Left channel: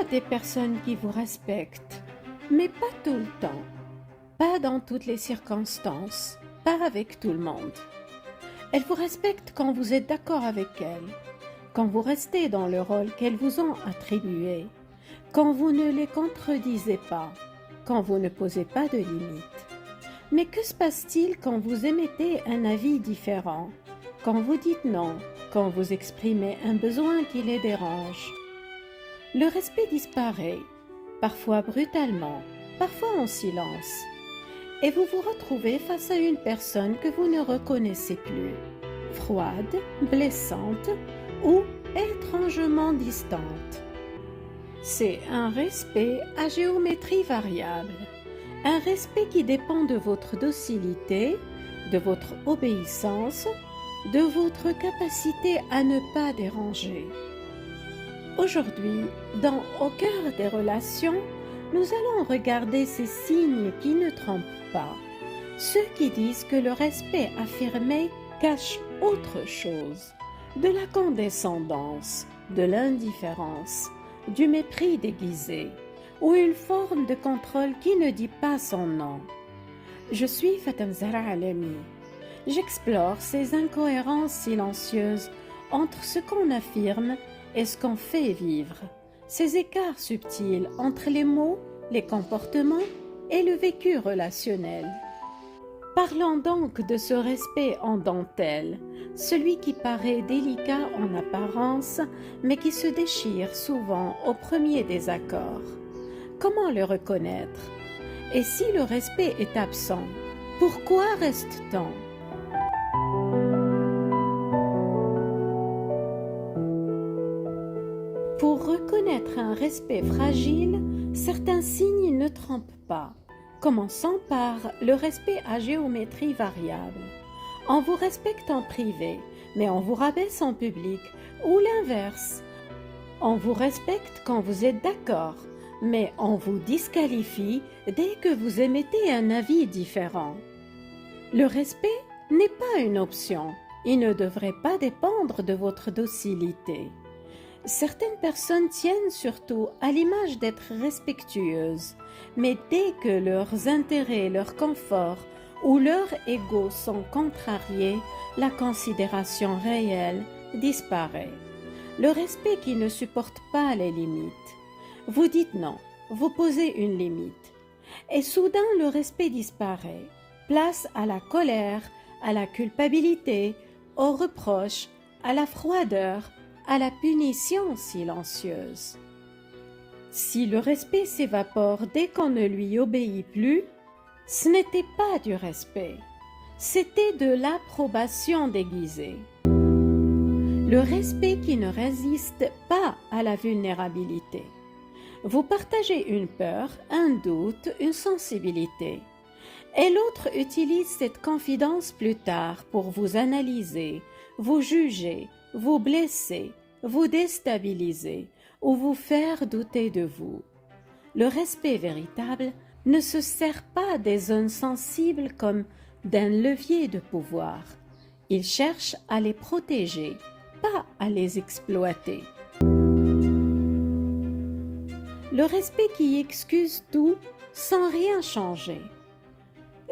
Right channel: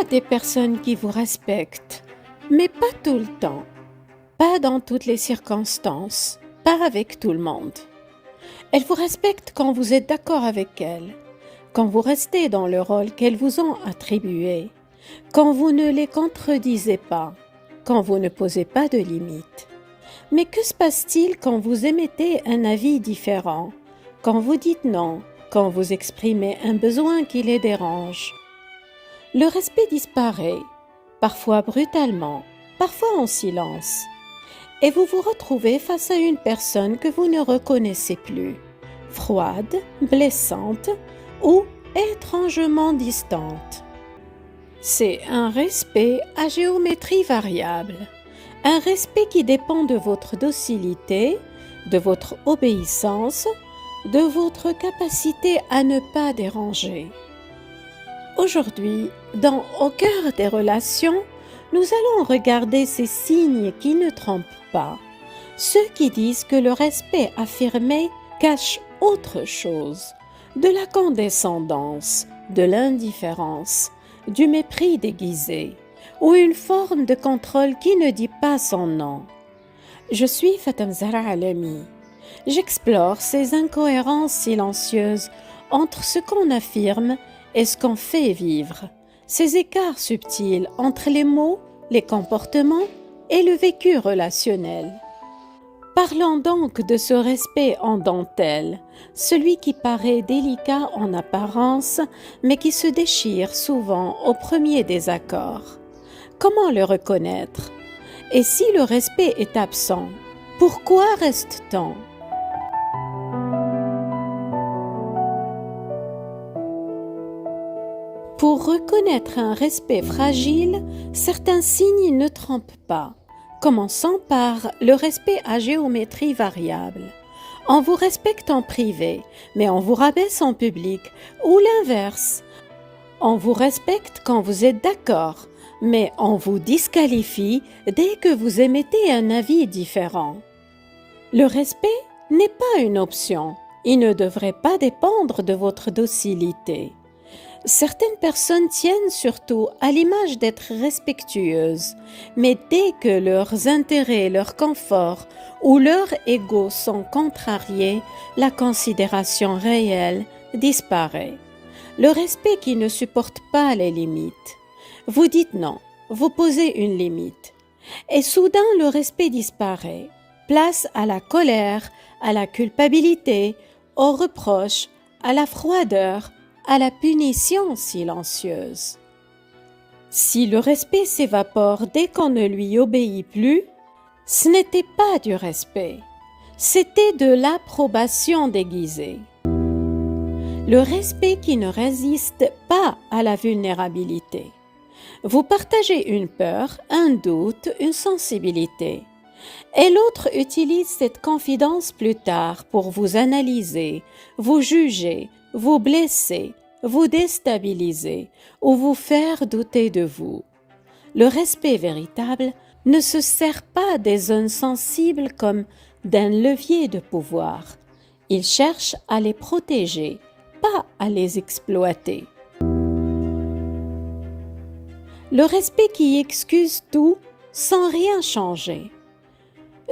a des personnes qui vous respectent, mais pas tout le temps, pas dans toutes les circonstances, pas avec tout le monde. Elles vous respectent quand vous êtes d'accord avec elles, quand vous restez dans le rôle qu'elles vous ont attribué, quand vous ne les contredisez pas, quand vous ne posez pas de limites. Mais que se passe-t-il quand vous émettez un avis différent, quand vous dites non, quand vous exprimez un besoin qui les dérange? Le respect disparaît, parfois brutalement, parfois en silence, et vous vous retrouvez face à une personne que vous ne reconnaissez plus, froide, blessante ou étrangement distante. C'est un respect à géométrie variable, un respect qui dépend de votre docilité, de votre obéissance, de votre capacité à ne pas déranger. Aujourd'hui, dans Au cœur des relations, nous allons regarder ces signes qui ne trompent pas, ceux qui disent que le respect affirmé cache autre chose, de la condescendance, de l'indifférence, du mépris déguisé, ou une forme de contrôle qui ne dit pas son nom. Je suis Fatem Zahra Alami. J'explore ces incohérences silencieuses entre ce qu'on affirme et ce qu'on fait vivre, ces écarts subtils entre les mots, les comportements et le vécu relationnel. Parlons donc de ce respect en dentelle, celui qui paraît délicat en apparence, mais qui se déchire souvent au premier désaccord. Comment le reconnaître? Et si le respect est absent, pourquoi reste-t-on? Pour reconnaître un respect fragile, certains signes ne trompent pas. Commençons par le respect à géométrie variable. On vous respecte en privé, mais on vous rabaisse en public, ou l'inverse. On vous respecte quand vous êtes d'accord, mais on vous disqualifie dès que vous émettez un avis différent. Le respect n'est pas une option. Il ne devrait pas dépendre de votre docilité. Certaines personnes tiennent surtout à l'image d'être respectueuses, mais dès que leurs intérêts, leur confort ou leur ego sont contrariés, la considération réelle disparaît. Le respect qui ne supporte pas les limites. Vous dites non, vous posez une limite. Et soudain le respect disparaît. Place à la colère, à la culpabilité, aux reproches, à la froideur, à la punition silencieuse. Si le respect s'évapore dès qu'on ne lui obéit plus, ce n'était pas du respect, c'était de l'approbation déguisée. Le respect qui ne résiste pas à la vulnérabilité. Vous partagez une peur, un doute, une sensibilité, et l'autre utilise cette confidence plus tard pour vous analyser, vous juger, vous blesser, vous déstabiliser ou vous faire douter de vous. Le respect véritable ne se sert pas des zones sensibles comme d'un levier de pouvoir. Il cherche à les protéger, pas à les exploiter. Le respect qui excuse tout sans rien changer.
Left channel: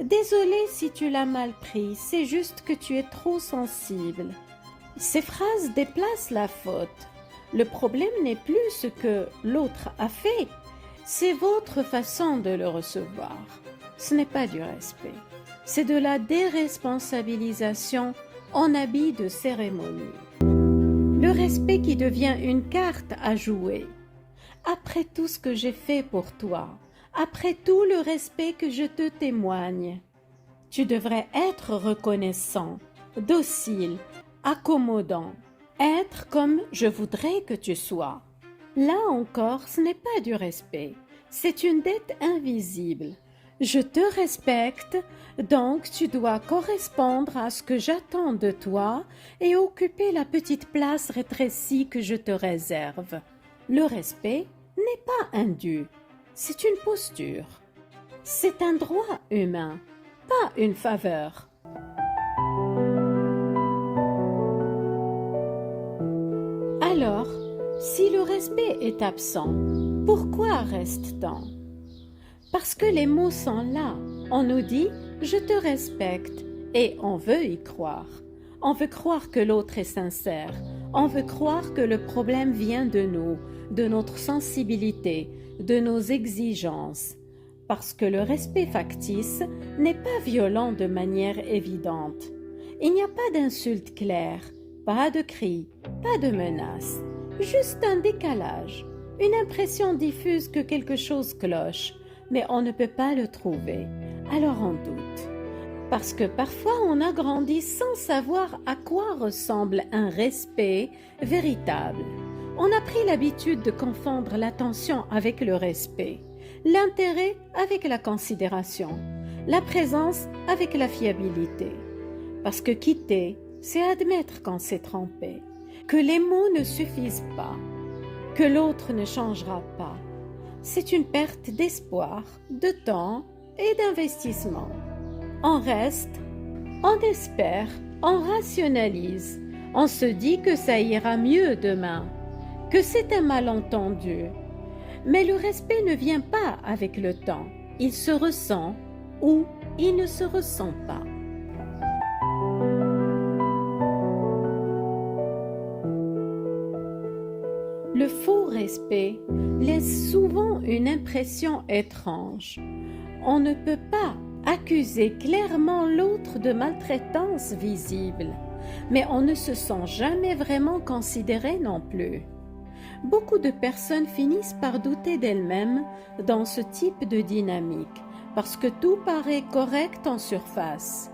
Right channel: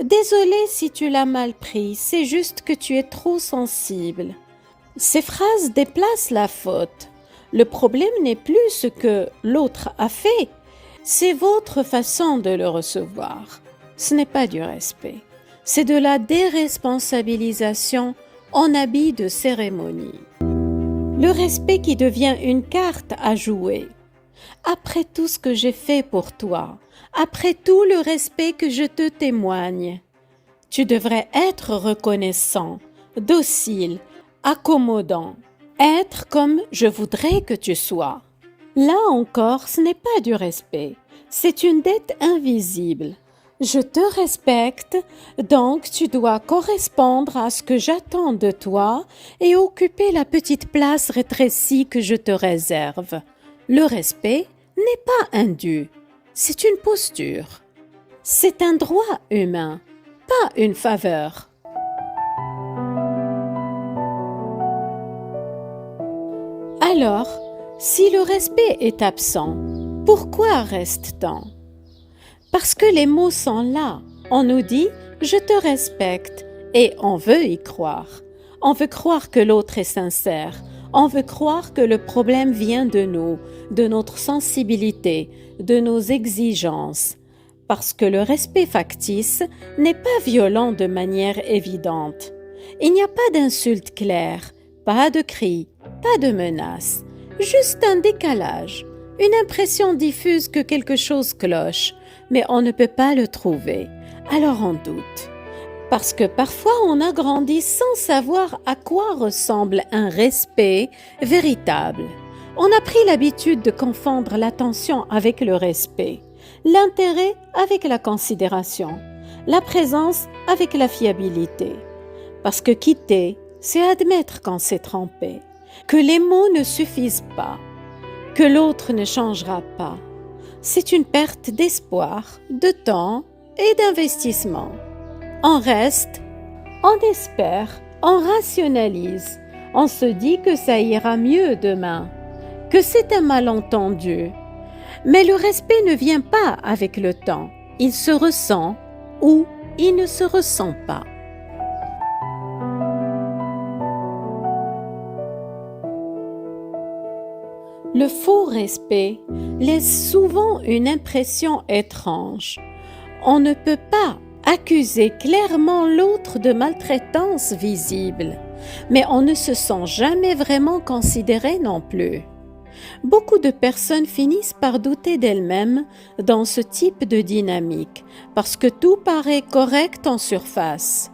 Désolé si tu l'as mal pris, c'est juste que tu es trop sensible. Ces phrases déplacent la faute. Le problème n'est plus ce que l'autre a fait, c'est votre façon de le recevoir. Ce n'est pas du respect, c'est de la déresponsabilisation en habit de cérémonie. Le respect qui devient une carte à jouer. Après tout ce que j'ai fait pour toi, après tout le respect que je te témoigne, tu devrais être reconnaissant, docile, accommodant, être comme je voudrais que tu sois. Là encore, ce n'est pas du respect, c'est une dette invisible. Je te respecte, donc tu dois correspondre à ce que j'attends de toi et occuper la petite place rétrécie que je te réserve. Le respect n'est pas un dû, c'est une posture. C'est un droit humain, pas une faveur. Alors, si le respect est absent, Pourquoi reste-t-on? Parce que les mots sont là. On nous dit « je te respecte » et on veut y croire. On veut croire que l'autre est sincère. On veut croire que le problème vient de nous, de notre sensibilité, de nos exigences. Parce que le respect factice n'est pas violent de manière évidente. Il n'y a pas d'insulte claire, pas de cris, pas de menaces, juste un décalage, une impression diffuse que quelque chose cloche, mais on ne peut pas le trouver, alors on doute. Parce que parfois on a grandi sans savoir à quoi ressemble un respect véritable. On a pris l'habitude de confondre l'attention avec le respect, l'intérêt avec la considération, la présence avec la fiabilité. Parce que quitter, c'est admettre qu'on s'est trompé, que les mots ne suffisent pas, que l'autre ne changera pas. C'est une perte d'espoir, de temps et d'investissement. On reste, on espère, on rationalise, on se dit que ça ira mieux demain, que c'est un malentendu. Mais le respect ne vient pas avec le temps, il se ressent ou il ne se ressent pas. Le faux respect laisse souvent une impression étrange. On ne peut pas accuser clairement l'autre de maltraitance visible, mais on ne se sent jamais vraiment considéré non plus. Beaucoup de personnes finissent par douter d'elles-mêmes dans ce type de dynamique, parce que tout paraît correct en surface.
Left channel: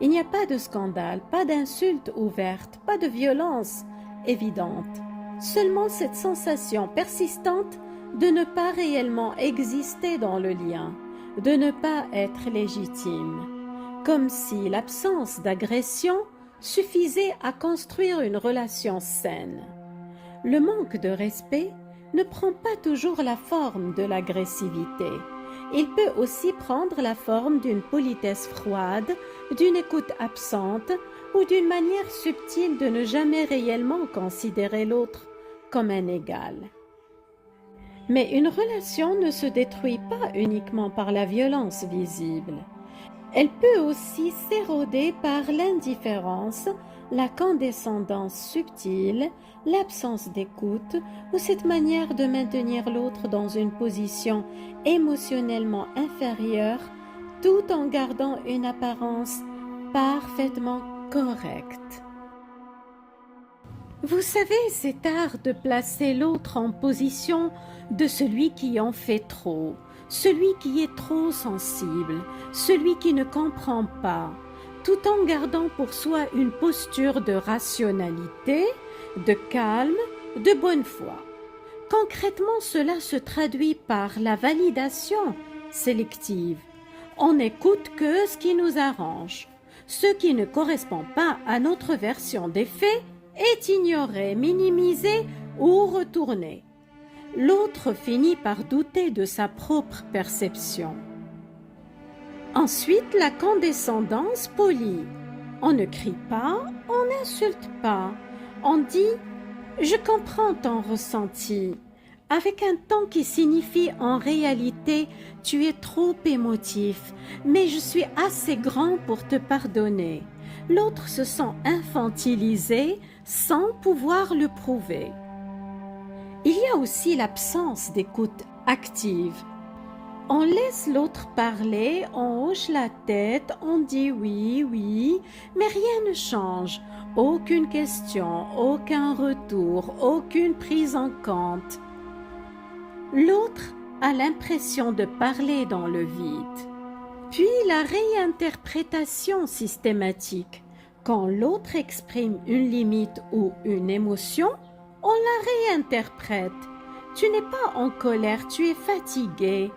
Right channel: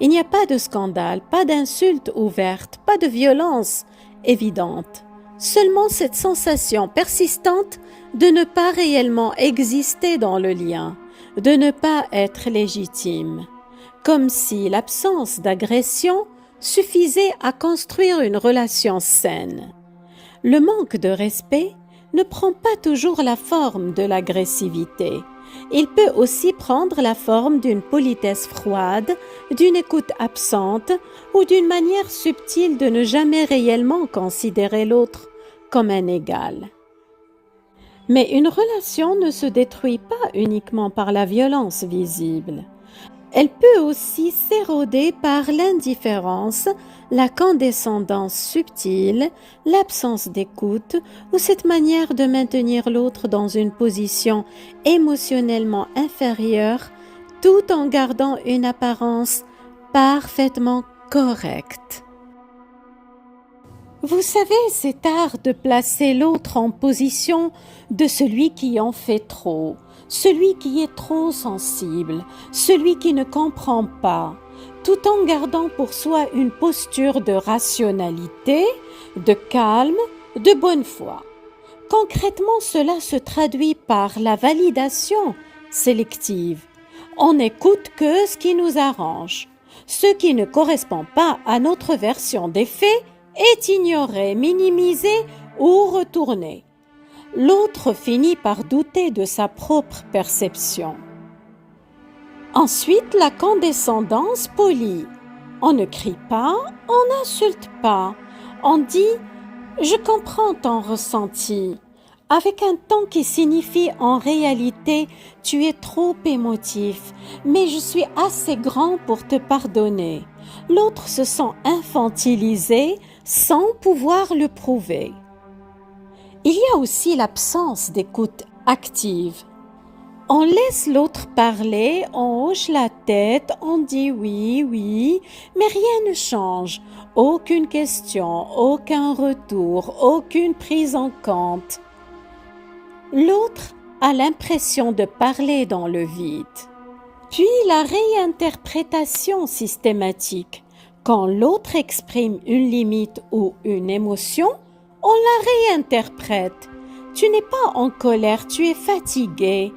Il n'y a pas de scandale, pas d'insulte ouverte, pas de violence évidente. Seulement cette sensation persistante de ne pas réellement exister dans le lien, de ne pas être légitime, comme si l'absence d'agression suffisait à construire une relation saine. Le manque de respect ne prend pas toujours la forme de l'agressivité. Il peut aussi prendre la forme d'une politesse froide, d'une écoute absente ou d'une manière subtile de ne jamais réellement considérer l'autre comme un égal. Mais une relation ne se détruit pas uniquement par la violence visible. Elle peut aussi s'éroder par l'indifférence, la condescendance subtile, l'absence d'écoute ou cette manière de maintenir l'autre dans une position émotionnellement inférieure tout en gardant une apparence parfaitement correcte. Vous savez, cet art de placer l'autre en position de celui qui en fait trop, celui qui est trop sensible, celui qui ne comprend pas, tout en gardant pour soi une posture de rationalité, de calme, de bonne foi. Concrètement, cela se traduit par la validation sélective. On n'écoute que ce qui nous arrange. Ce qui ne correspond pas à notre version des faits est ignoré, minimisé ou retourné. L'autre finit par douter de sa propre perception. Ensuite, la condescendance polie. On ne crie pas, on n'insulte pas. On dit « je comprends ton ressenti » avec un ton qui signifie en réalité « tu es trop émotif, mais je suis assez grand pour te pardonner ». L'autre se sent infantilisé sans pouvoir le prouver. Il y a aussi l'absence d'écoute active. On laisse l'autre parler, on hoche la tête, on dit oui, oui, mais rien ne change. Aucune question, aucun retour, aucune prise en compte. L'autre a l'impression de parler dans le vide. Puis la réinterprétation systématique. Quand l'autre exprime une limite ou une émotion, on la réinterprète. Tu n'es pas en colère, tu es fatigué.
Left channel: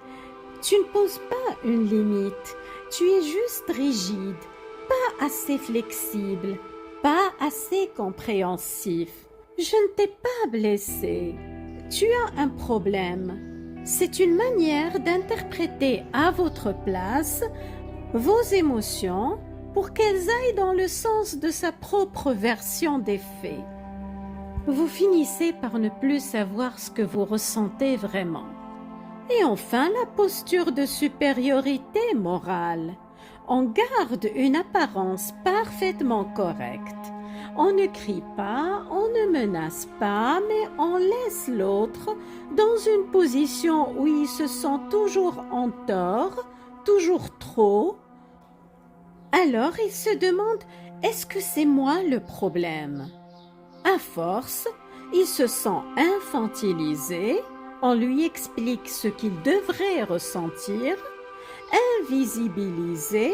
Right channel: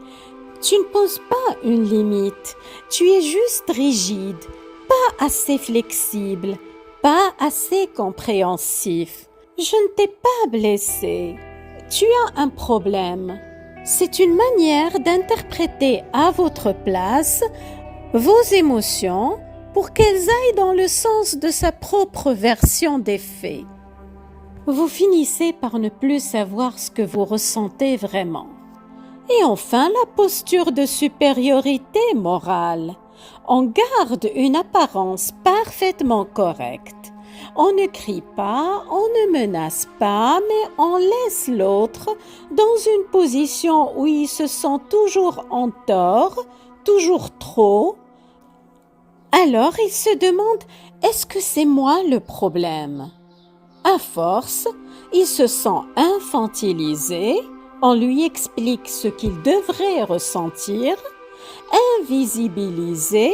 Tu ne poses pas une limite, tu es juste rigide, pas assez flexible, pas assez compréhensif. Je ne t'ai pas blessé. Tu as un problème. C'est une manière d'interpréter à votre place vos émotions pour qu'elles aillent dans le sens de sa propre version des faits. Vous finissez par ne plus savoir ce que vous ressentez vraiment. Et enfin, la posture de supériorité morale. On garde une apparence parfaitement correcte. On ne crie pas, on ne menace pas, mais on laisse l'autre dans une position où il se sent toujours en tort, toujours trop. Alors il se demande, est-ce que c'est moi le problème? À force, il se sent infantilisé, on lui explique ce qu'il devrait ressentir, invisibilisé,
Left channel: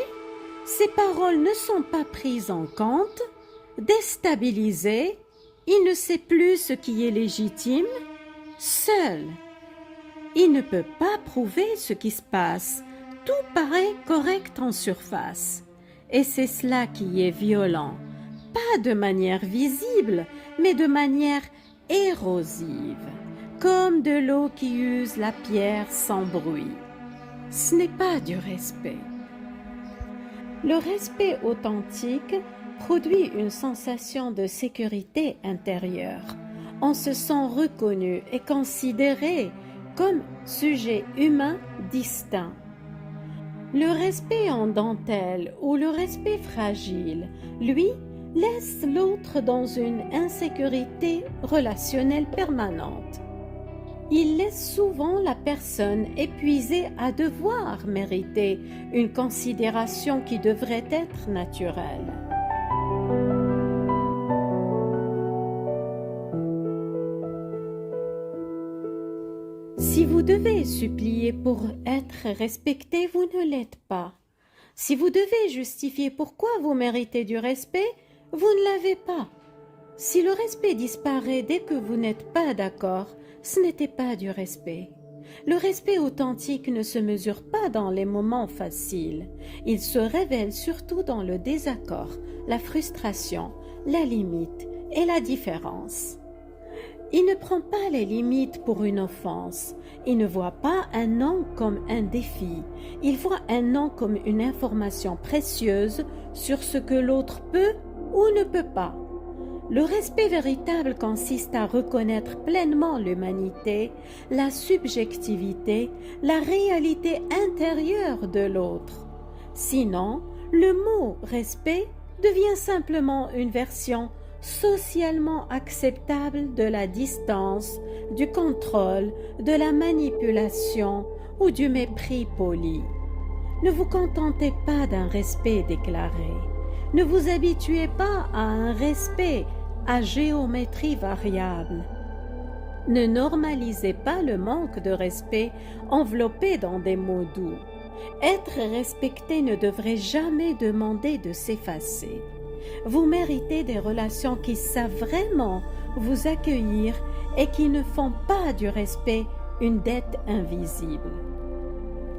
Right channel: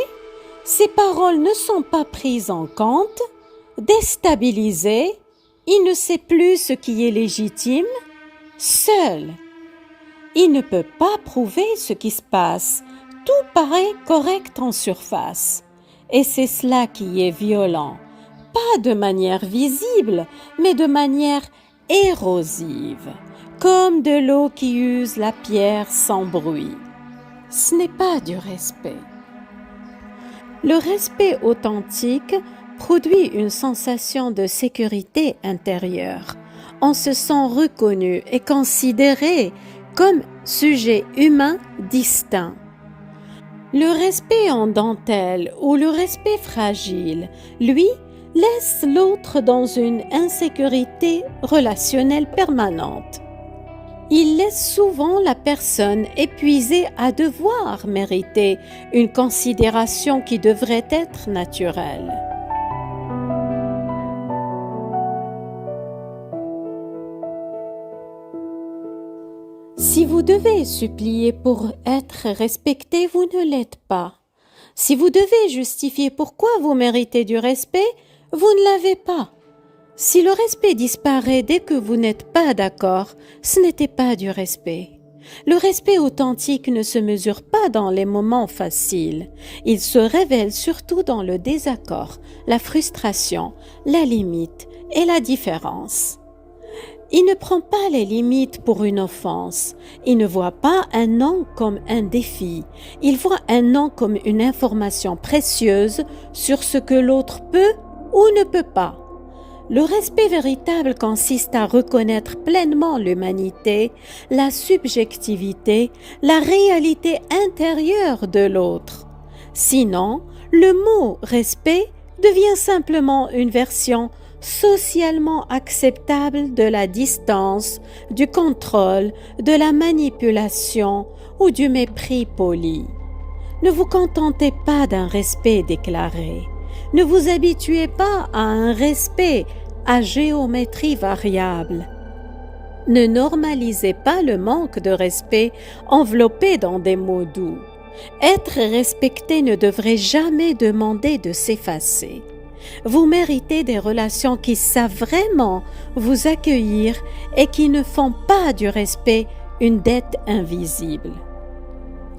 ses paroles ne sont pas prises en compte, déstabilisé, il ne sait plus ce qui est légitime, seul. Il ne peut pas prouver ce qui se passe, tout paraît correct en surface. Et c'est cela qui est violent, pas de manière visible, mais de manière érosive, comme de l'eau qui use la pierre sans bruit. Ce n'est pas du respect. Le respect authentique produit une sensation de sécurité intérieure. On se sent reconnu et considéré comme sujet humain distinct. Le respect en dentelle ou le respect fragile, lui, laisse l'autre dans une insécurité relationnelle permanente. Il laisse souvent la personne épuisée à devoir mériter une considération qui devrait être naturelle. Si vous devez supplier pour être respecté, vous ne l'êtes pas. Si vous devez justifier pourquoi vous méritez du respect, vous ne l'avez pas. Si le respect disparaît dès que vous n'êtes pas d'accord, ce n'était pas du respect. Le respect authentique ne se mesure pas dans les moments faciles. Il se révèle surtout dans le désaccord, la frustration, la limite et la différence. Il ne prend pas les limites pour une offense. Il ne voit pas un non comme un défi. Il voit un non comme une information précieuse sur ce que l'autre peut ou ne peut pas. Le respect véritable consiste à reconnaître pleinement l'humanité, la subjectivité, la réalité intérieure de l'autre. Sinon, le mot respect devient simplement une version socialement acceptable de la distance, du contrôle, de la manipulation ou du mépris poli. Ne vous contentez pas d'un respect déclaré. Ne vous habituez pas à un respect à géométrie variable. Ne normalisez pas le manque de respect enveloppé dans des mots doux. Être respecté ne devrait jamais demander de s'effacer. Vous méritez des relations qui savent vraiment vous accueillir et qui ne font pas du respect une dette invisible.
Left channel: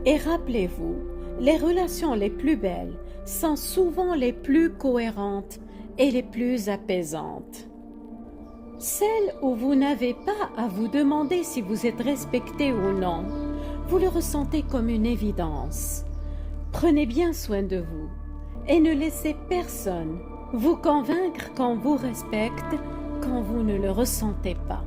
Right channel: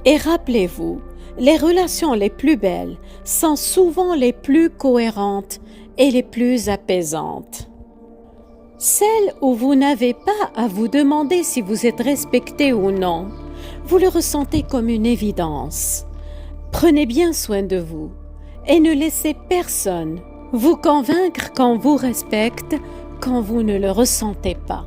Et rappelez-vous, les relations les plus belles sont souvent les plus cohérentes et les plus apaisantes. Celles où vous n'avez pas à vous demander si vous êtes respecté ou non, vous le ressentez comme une évidence. Prenez bien soin de vous et ne laissez personne vous convaincre qu'on vous respecte quand vous ne le ressentez pas.